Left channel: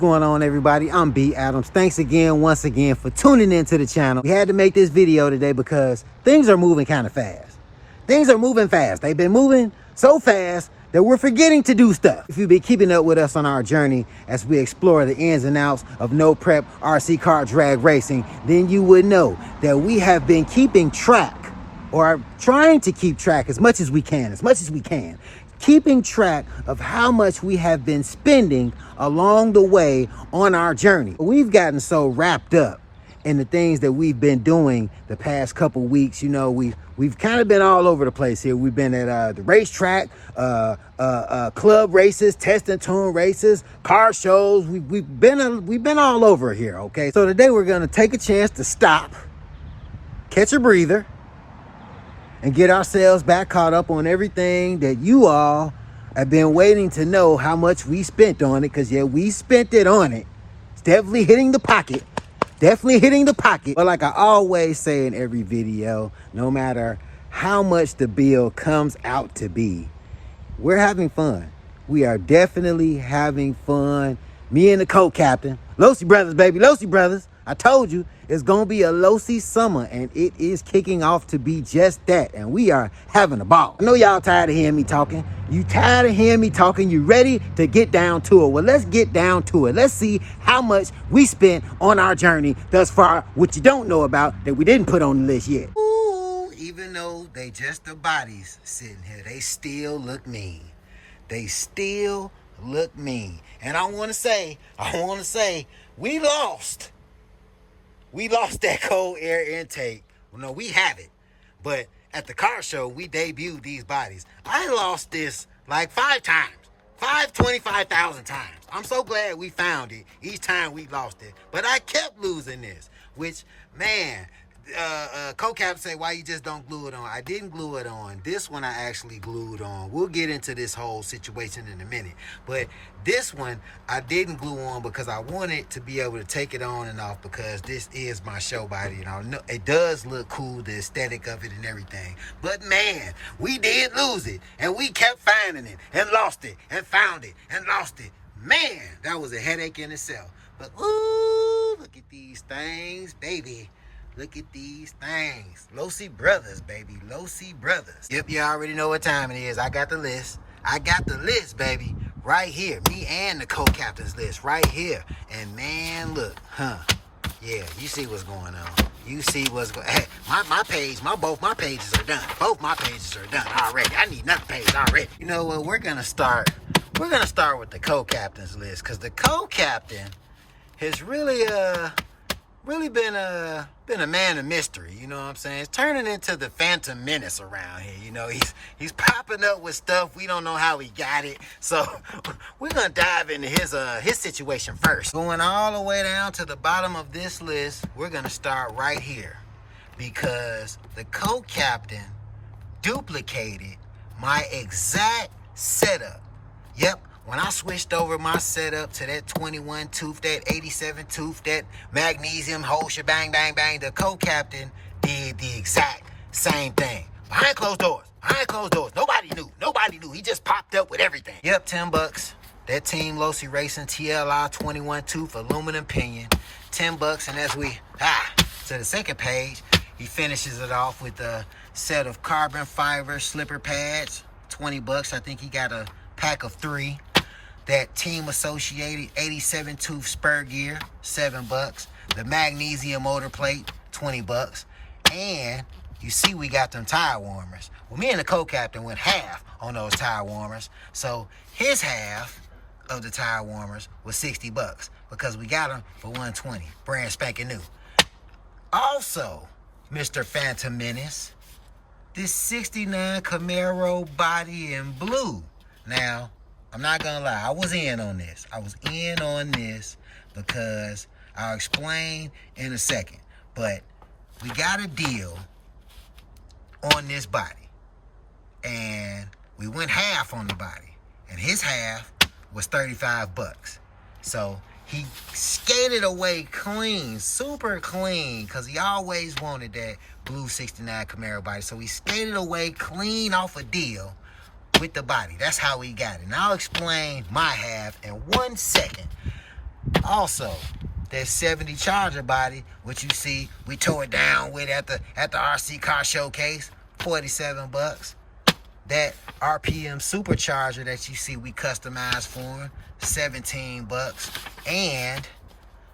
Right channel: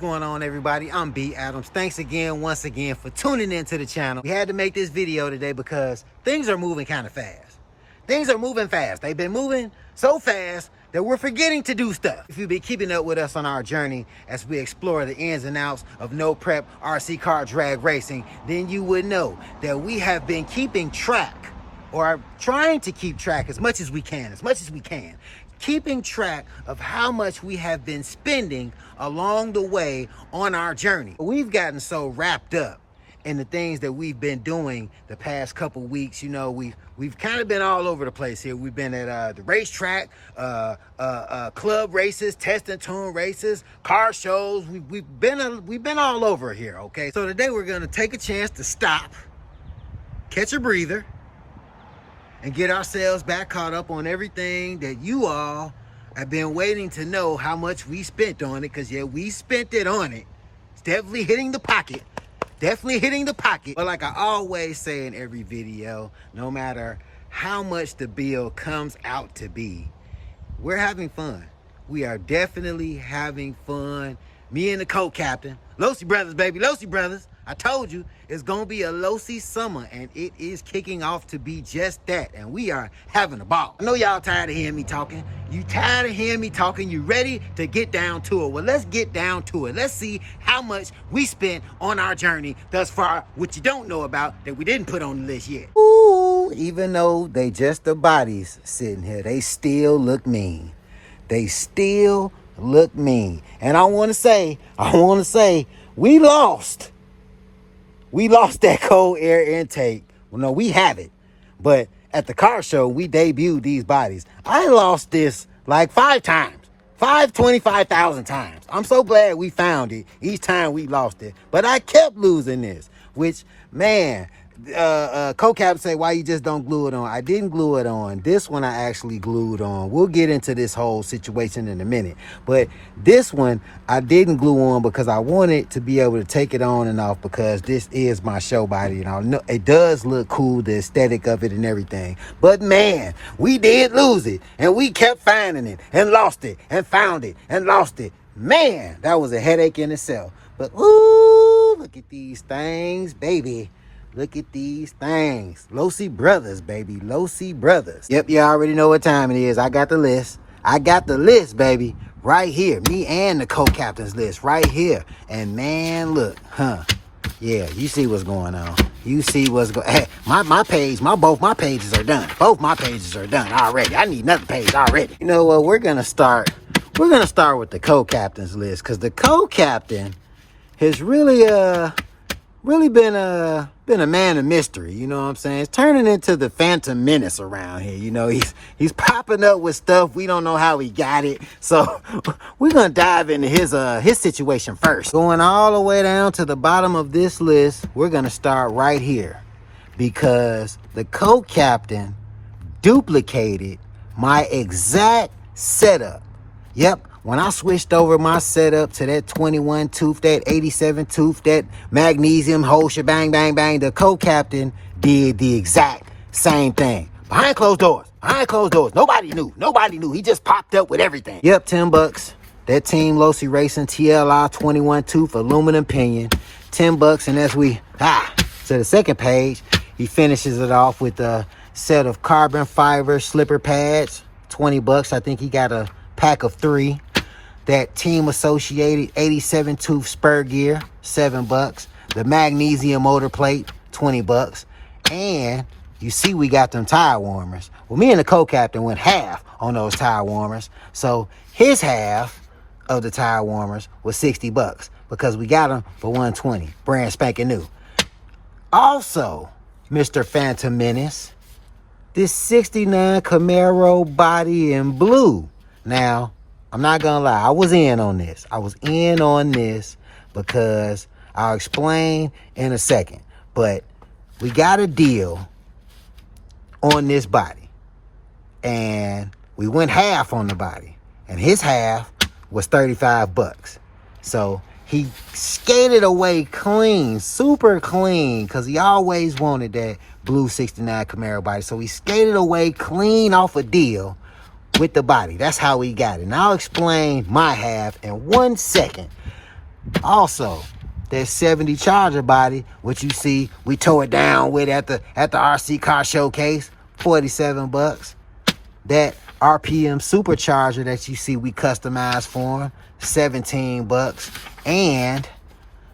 going on, everybody? I'm B Adams. Thanks again, once again, for tuning into the channel. We had to make this video today because things are moving kind of fast. Things are moving fast. They've been moving so fast that we're forgetting to do stuff. If you've been keeping up with us on our journey as we explore the ins and outs of no prep RC car drag racing, then you would know that we have been keeping track, or trying to keep track as much as we can, keeping track of how much we have been spending along the way on our journey. We've gotten so wrapped up in the things that we've been doing the past couple weeks. You know, we've kind of been all over the place here. We've been at the racetrack, club races, test and tune races, car shows. We've been all over here. Okay, so today we're gonna take a chance to stop, catch a breather, and get ourselves back caught up on everything that you all have been waiting to know how much we spent on it. Because, yeah, we spent it on it. It's definitely hitting the pocket. But like I always say in every video, no matter how much the bill comes out to be, we're having fun. We are definitely having fun. Me and the co-captain, Losi Brothers, baby, Losi Brothers. I told you it's gonna be a Losi Summer, and it is kicking off to be just that, and we are having a ball. I know y'all tired of hearing me talking. You tired of hearing me talking? You ready to get down to it? Well, let's get down to it. Let's see how much we spent on our journey thus far, which you don't know about, that we didn't put on the list yet. Ooh, even though they just the bodies sitting here, they still look mean. They still look mean. And I want to say, we lost. We lost that cold air intake. Well, no, we have it. But at the car show, we debuted these bodies. I lost this like 5 times. 25,000 times. I'm so glad we found it each time we lost it. But I kept losing this, which, man, co-cap say, why you just don't glue it on? I didn't glue it on. This one I actually glued on. We'll get into this whole situation in a minute. But this one I didn't glue on because I wanted to be able to take it on and off, because this is my show body. You know, it does look cool, the aesthetic of it and everything. But man, we did lose it, and we kept finding it and lost it and found it and lost it. Man, that was a headache in itself. But ooh, look at these things, baby. Look at these things. Losi Brothers, baby. Losi Brothers. Yep, you already know what time it is. I got the list. I got the list, baby. Right here. Me and the co-captain's list right here. And man, look, yeah, you see what's going on. You see what's going on. Hey, both my pages are done. Both my pages are done already. I need another page already. You know what? We're gonna start with the co-captain's list, because the co-captain has really been a man of mystery. You know what I'm saying? It's turning into the Phantom Menace around here. You know, he's popping up with stuff. We don't know how he got it. So we're gonna dive into his situation first. Going all the way down to the bottom of this list, we're gonna start right here, because the co-captain duplicated my exact setup. Yep. When I switched over my setup to that 21 tooth, that 87 tooth, that magnesium whole shebang, bang, bang, the co-captain did the exact same thing. Behind closed doors. Nobody knew. He just popped up with everything. Yep, $10. That Team Losi Racing TLI 21 tooth aluminum pinion. $10. And as we, to the second page, he finishes it off with a set of carbon fiber slipper pads. $20. I think he got a pack of 3. That Team Associated 87 tooth spur gear, $7. The magnesium motor plate, $20. And you see we got them tire warmers. Well, me and the co-captain went half on those tire warmers. So his half of the tire warmers was $60, because we got them for $120, brand spanking new. Also, Mr. Phantom Menace, this 69 Camaro body in blue. Now, I'm not gonna lie, I was in on this. Because I'll explain in a second. But we got a deal on this body, and we went half on the body, and his half was $35. So he skated away clean, super clean, because he always wanted that blue 69 Camaro body. So he skated away clean off a deal with the body. That's how we got it. And I'll explain my half in 1 second. Also, that 70 Charger body, which you see we tore it down with at the RC car showcase, 47 bucks. That RPM supercharger that you see we customized for him, 17 bucks. And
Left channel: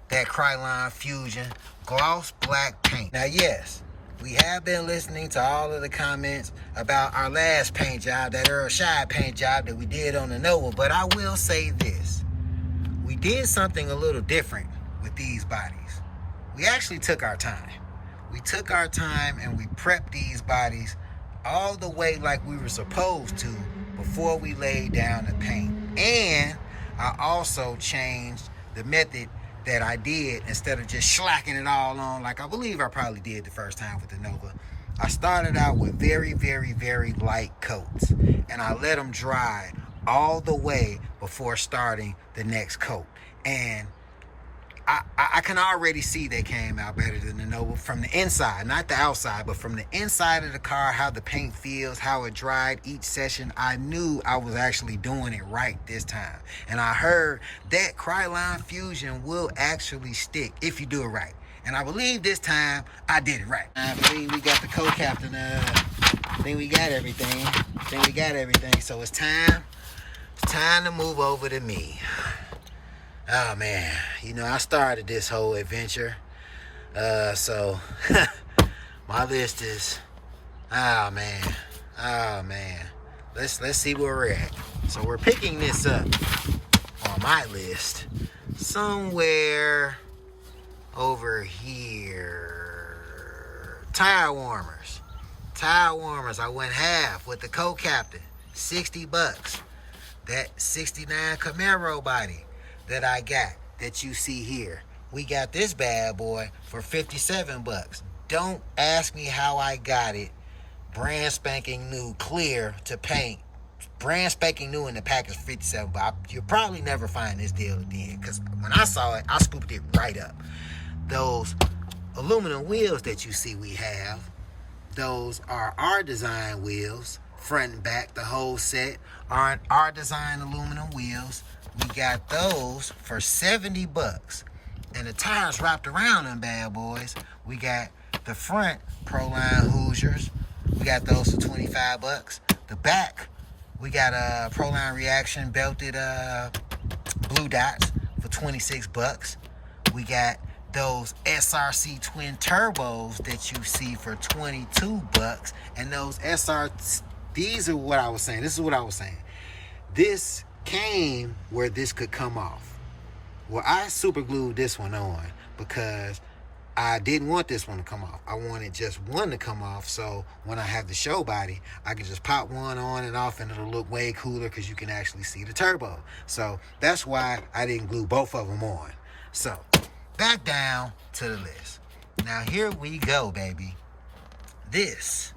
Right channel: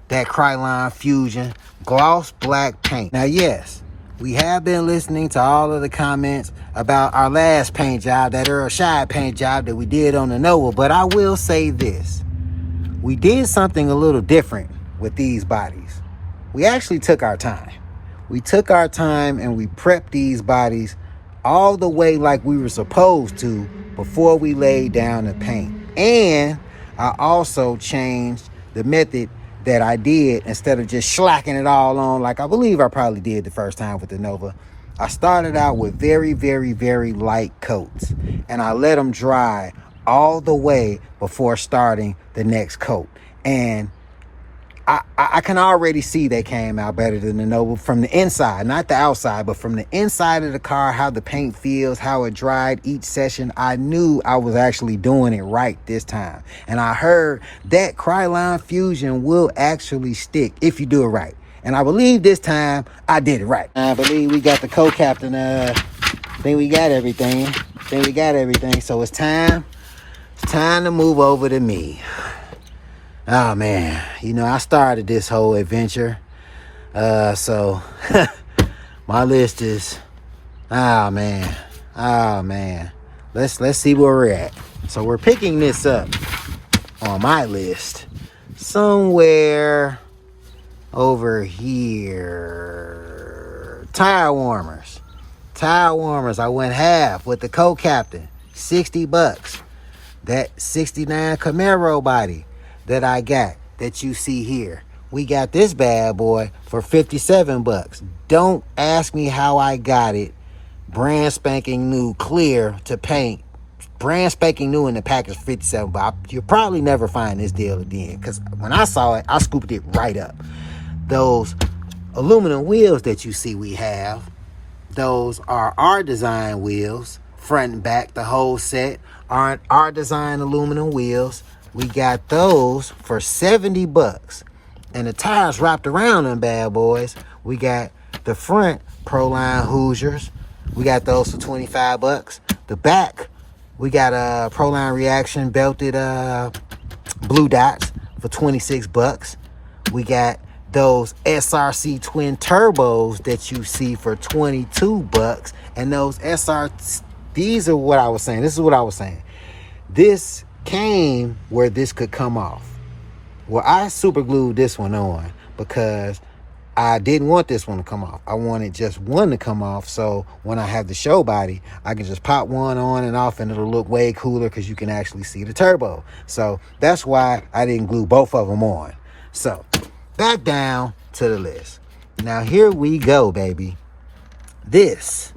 that Krylon Fusion gloss black paint. Now, yes, we have been listening to all of the comments about our last paint job, that Earl Shide paint job that we did on the Nova, but I will say this. We did something a little different with these bodies. We actually took our time. We took our time and we prepped these bodies all the way like we were supposed to before we laid down the paint. And I also changed the method that I did. Instead of just slacking it all on like I believe I probably did the first time with the Nova, I started out with very, very, very light coats, and I let them dry all the way before starting the next coat. And I can already see they came out better than the Nova from the inside, not the outside, but from the inside of the car, how the paint feels, how it dried each session. I knew I was actually doing it right this time. And I heard that Krylon Fusion will actually stick if you do it right. And I believe this time I did it right. I believe we got the co-captain. I think we got everything. So it's time to move over to me. Oh man, you know, I started this whole adventure. So my list is, oh man. Let's see where we're at. So we're picking this up on my list somewhere over here. Tire warmers. I went half with the co-captain, 60 bucks. That 69 Camaro body that I got that you see here, we got this bad boy for 57 bucks. Don't ask me how I got it. Brand spanking new, clear to paint. Brand spanking new in the package, 57 bucks. You'll probably never find this deal again, because when I saw it, I scooped it right up. Those aluminum wheels that you see we have, those are our design wheels, front and back, the whole set are our design aluminum wheels. We got those for 70 bucks. And the tires wrapped around them bad boys. We got the front Proline Hoosiers. We got those for 25 bucks. The back, we got a Proline Reaction belted blue dots for 26 bucks. We got those SRC twin turbos that you see for 22 bucks. And those these are what I was saying. This is what I was saying. This came where this could come off. Well, I super glued this one on because I didn't want this one to come off. I wanted just one to come off, so when I have the show body, I can just pop one on and off and it'll look way cooler because you can actually see the turbo. So that's why I didn't glue both of them on. So back down to the list. Now here we go, baby. This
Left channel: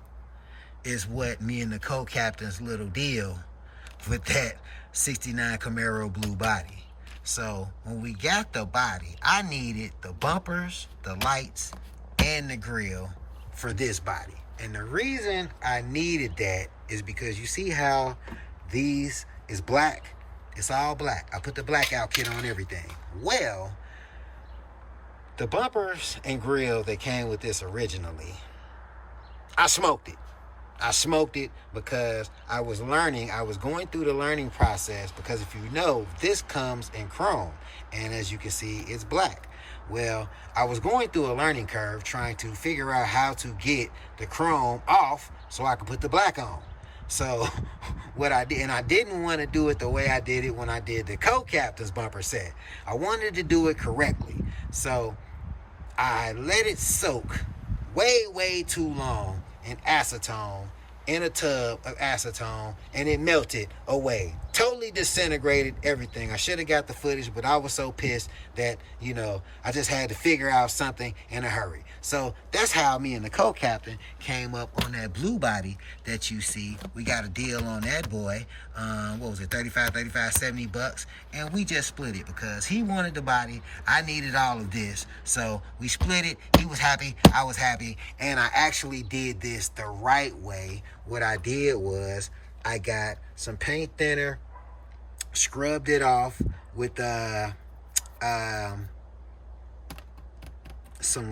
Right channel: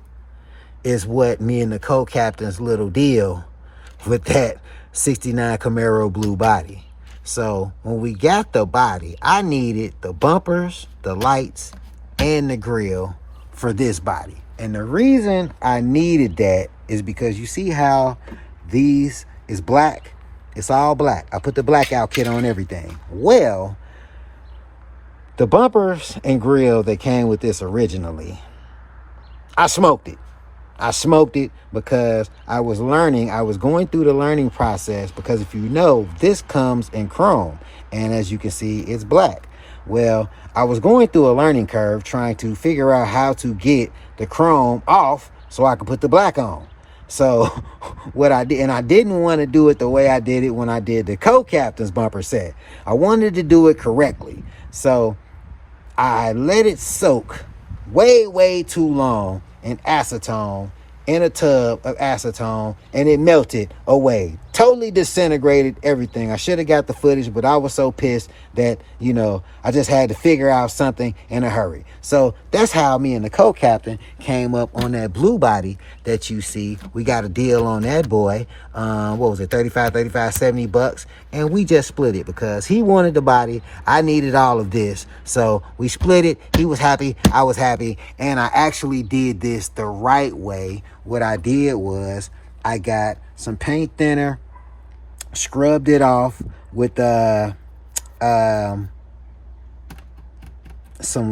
is what me and the co-captain's little deal with that 69 Camaro blue body. So when we got the body, I needed the bumpers, the lights, and the grill for this body. And the reason I needed that is because you see how these is black? It's all black. I put the blackout kit on everything. Well, the bumpers and grill that came with this originally, I smoked it. I smoked it because I was learning. I was going through the learning process because if you know, this comes in chrome. And as you can see, it's black. Well, I was going through a learning curve trying to figure out how to get the chrome off so I could put the black on. So what I did, and I didn't want to do it the way I did it when I did the co-captain's bumper set. I wanted to do it correctly. So I let it soak way too long in acetone, in a tub of acetone, and it melted away. Totally disintegrated everything. I should have got the footage, but I was so pissed that, you know, I just had to figure out something in a hurry. So that's how me and the co-captain came up on that blue body that you see. We got a deal on that boy. What was it? 70 bucks. And we just split it because he wanted the body. I needed all of this. So we split it. He was happy. I was happy. And I actually did this the right way. What I did was I got some paint thinner, scrubbed it off with some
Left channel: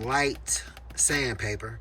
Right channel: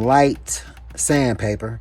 light sandpaper.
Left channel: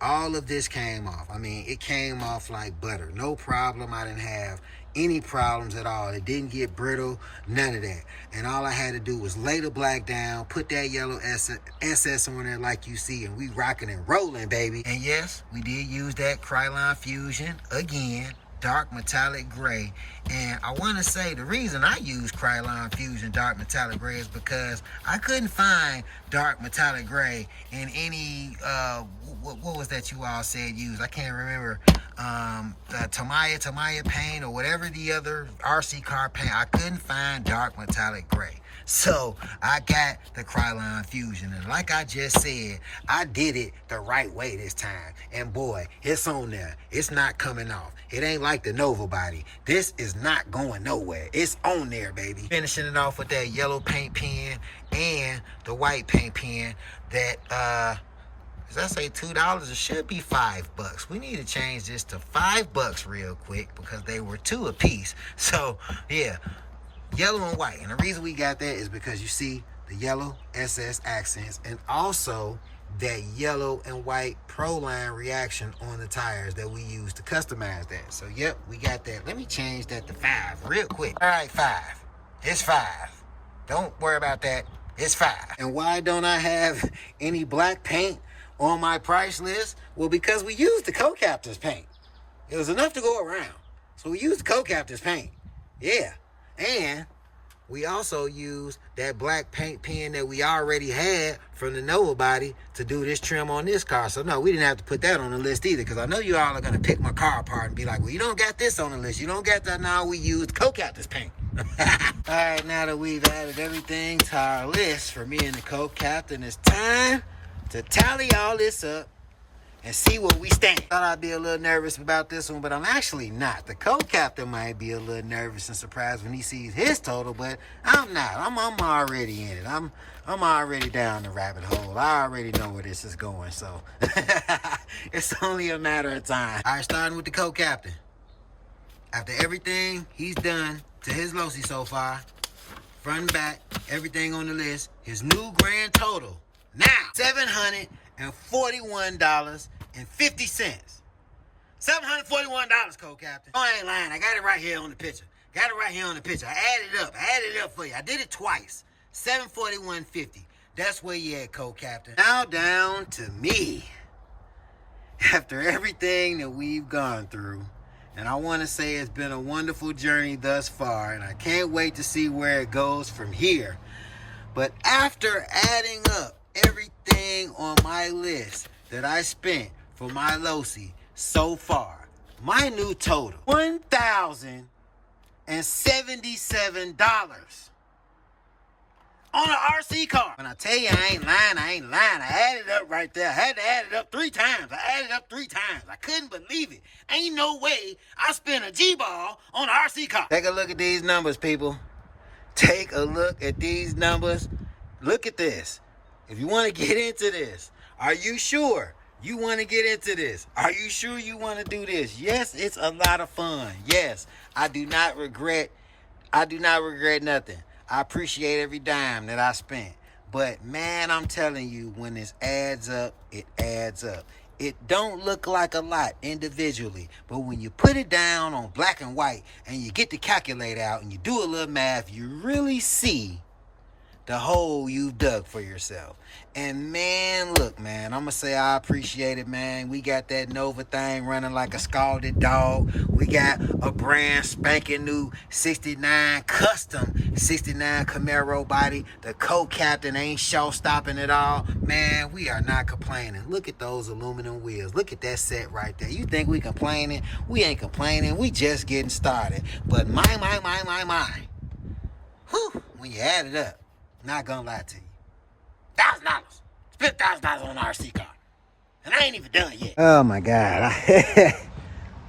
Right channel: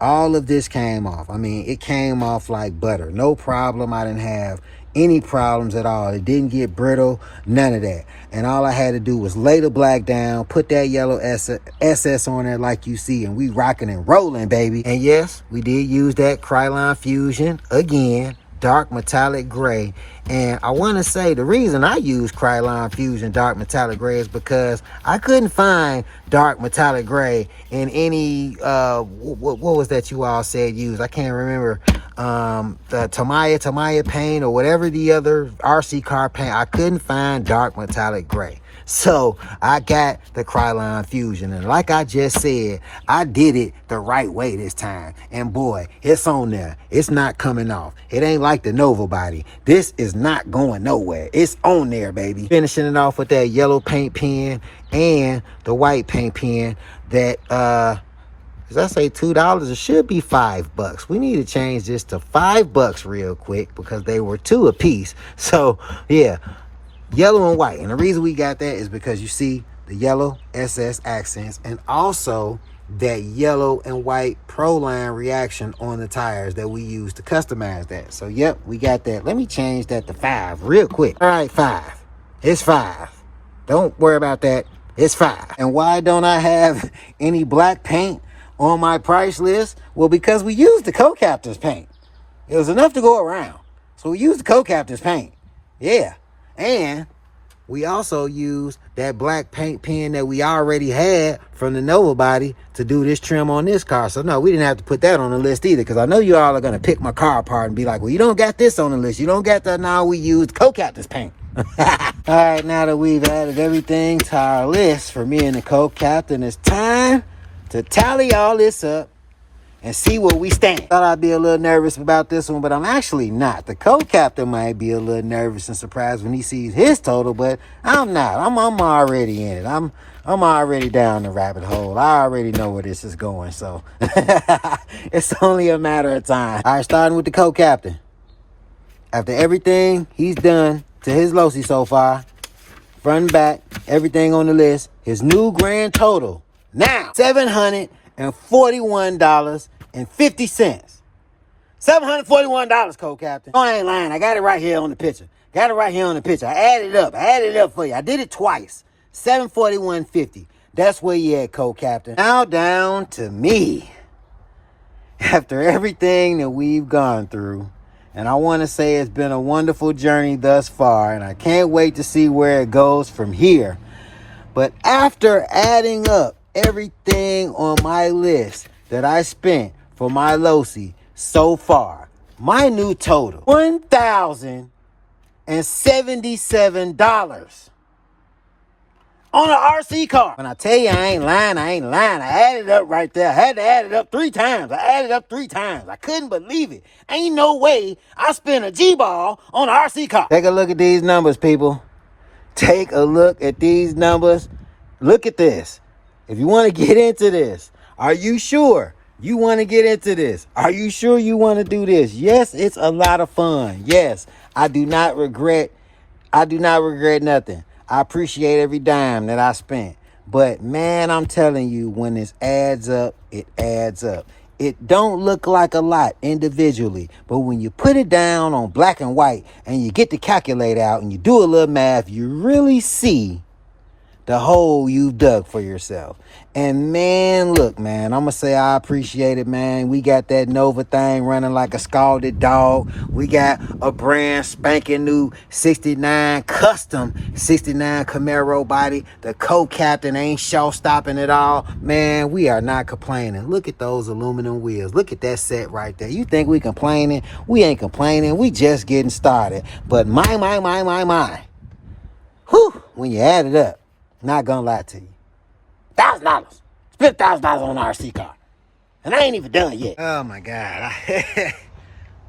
All of this came off. I mean, it came off like butter. No problem. I didn't have any problems at all. It didn't get brittle, none of that. And all I had to do was lay the black down, put that yellow SS on there like you see, and we rocking and rolling, baby. And yes, we did use that Krylon Fusion again, dark metallic gray. And I want to say the reason I use Krylon Fusion dark metallic gray is because I couldn't find dark metallic gray in any what was that you all said use? I can't remember. The Tamiya paint or whatever the other RC car paint. I couldn't find dark metallic gray. So I got the Krylon Fusion, and like I just said, I did it the right way this time. And boy, it's on there. It's not coming off. It ain't like the Nova body. This is not going nowhere. It's on there, baby. Finishing it off with that yellow paint pen and the white paint pen that as I say $2, it should be $5. We need to change this to $5 real quick because they were $2 a piece. So yeah, yellow and white. And the reason we got that is because you see the yellow SS accents and also that yellow and white Proline reaction on the tires that we use to customize that. So yep, we got that. Let me change that to 5 real quick. All right, 5. It's 5. Don't worry about that. It's 5. And why don't I have any black paint on my price list? Well, because we used the co-captain's paint. It was enough to go around. So we used the co-captain's paint. Yeah. And we also used that black paint pen that we already had from the Nova body to do this trim on this car. So no, we didn't have to put that on the list either, because I know you all are going to pick my car apart and be like, well, you don't got this on the list. You don't got that. Now we used co-captain's paint. All right, now that we've added everything to our list for me and the co-captain, it's time to tally all this up and see where we stand. Thought I'd be a little nervous about this one, but I'm actually not. The co-captain might be a little nervous and surprised when he sees his total, but I'm not. I'm already in it. I'm already down the rabbit hole. I already know where this is going, so it's only a matter of time. All right, starting with the co-captain. After everything he's done to his Losi so far, front and back, everything on the list, his new grand total now $741.50. $741, co-captain. Oh, I ain't lying. I got it right here on the picture. I added it up for you. I did it twice. $741.50. That's where you at, co-captain. Now down to me. After everything that we've gone through, and I want to say it's been a wonderful journey thus far, and I can't wait to see where it goes from here. But after adding up everything on my list that I spent for my Losi so far, my new total, $1,077 on an RC car. When I tell you I ain't lying, I added it up right there. I had to add it up 3 times. I couldn't believe it. Ain't no way I spent a G-ball on an RC car. Take a look at these numbers, people. Take a look at these numbers. Look at this. If you want to get into this, are you sure you want to get into this? Are you sure you want to do this? Yes, it's a lot of fun. Yes, I do not regret nothing. I appreciate every dime that I spent. But man, I'm telling you, when this adds up, it adds up. It don't look like a lot individually, but when you put it down on black and white and you get the calculator out and you do a little math, you really see the hole you've dug for yourself. And man, look, man, I'm gonna say I appreciate it, man. We got that Nova thing running like a scalded dog. We got a brand spanking new 69 custom 69 Camaro body. The co-captain ain't show-stopping at all. Man, we are not complaining. Look at those aluminum wheels. Look at that set right there. You think we complaining? We ain't complaining. We just getting started. But my. Whew, when you add it up, not gonna lie to you, $1,000. Spent $1,000 on an RC car, and I ain't even done yet. Oh my God!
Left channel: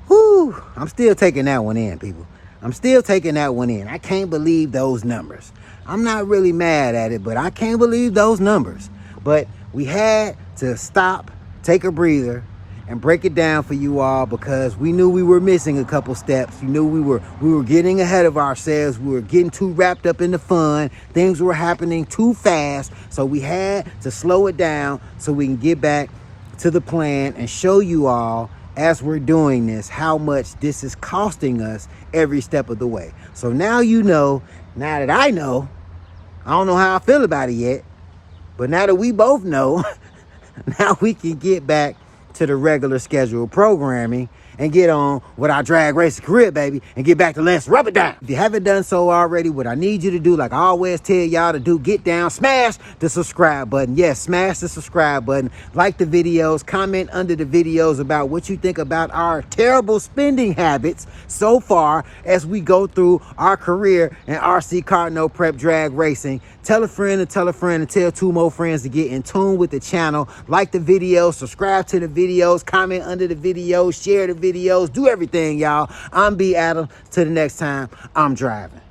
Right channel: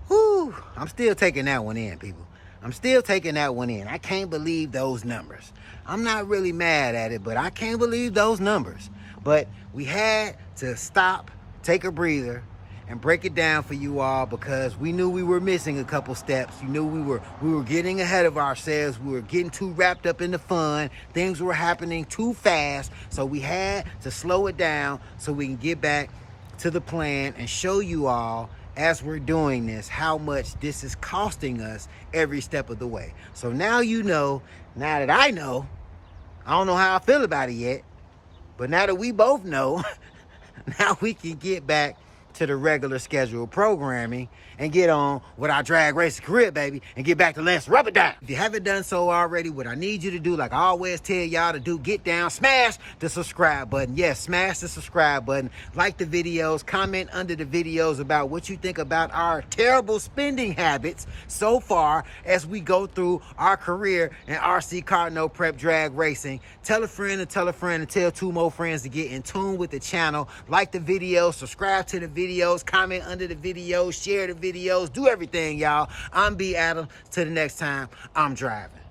Whew, I'm still taking that one in, people. I'm still taking that one in. I can't believe those numbers. I'm not really mad at it, but I can't believe those numbers. But we had to stop, take a breather, and break it down for you all, because we knew we were missing a couple steps. You knew we were getting ahead of ourselves. We were getting too wrapped up in the fun. Things were happening too fast. So we had to slow it down so we can get back to the plan and show you all, as we're doing this, how much this is costing us every step of the way. So now you know, now that I know, I don't know how I feel about it yet, but now that we both know, now we can get back to the regular scheduled programming and get on with our drag racing career, baby, and get back to let's rub it down. If you haven't done so already, what I need you to do, like I always tell y'all to do, get down, smash the subscribe button. Yes, smash the subscribe button. Like the videos, comment under the videos about what you think about our terrible spending habits so far as we go through our career in RC car no prep drag racing. Tell a friend and tell a friend and tell 2 more friends to get in tune with the channel. Like the videos, subscribe to the videos, comment under the videos, share the videos, do everything, y'all. I'm B. Adams. Till the next time, I'm driving.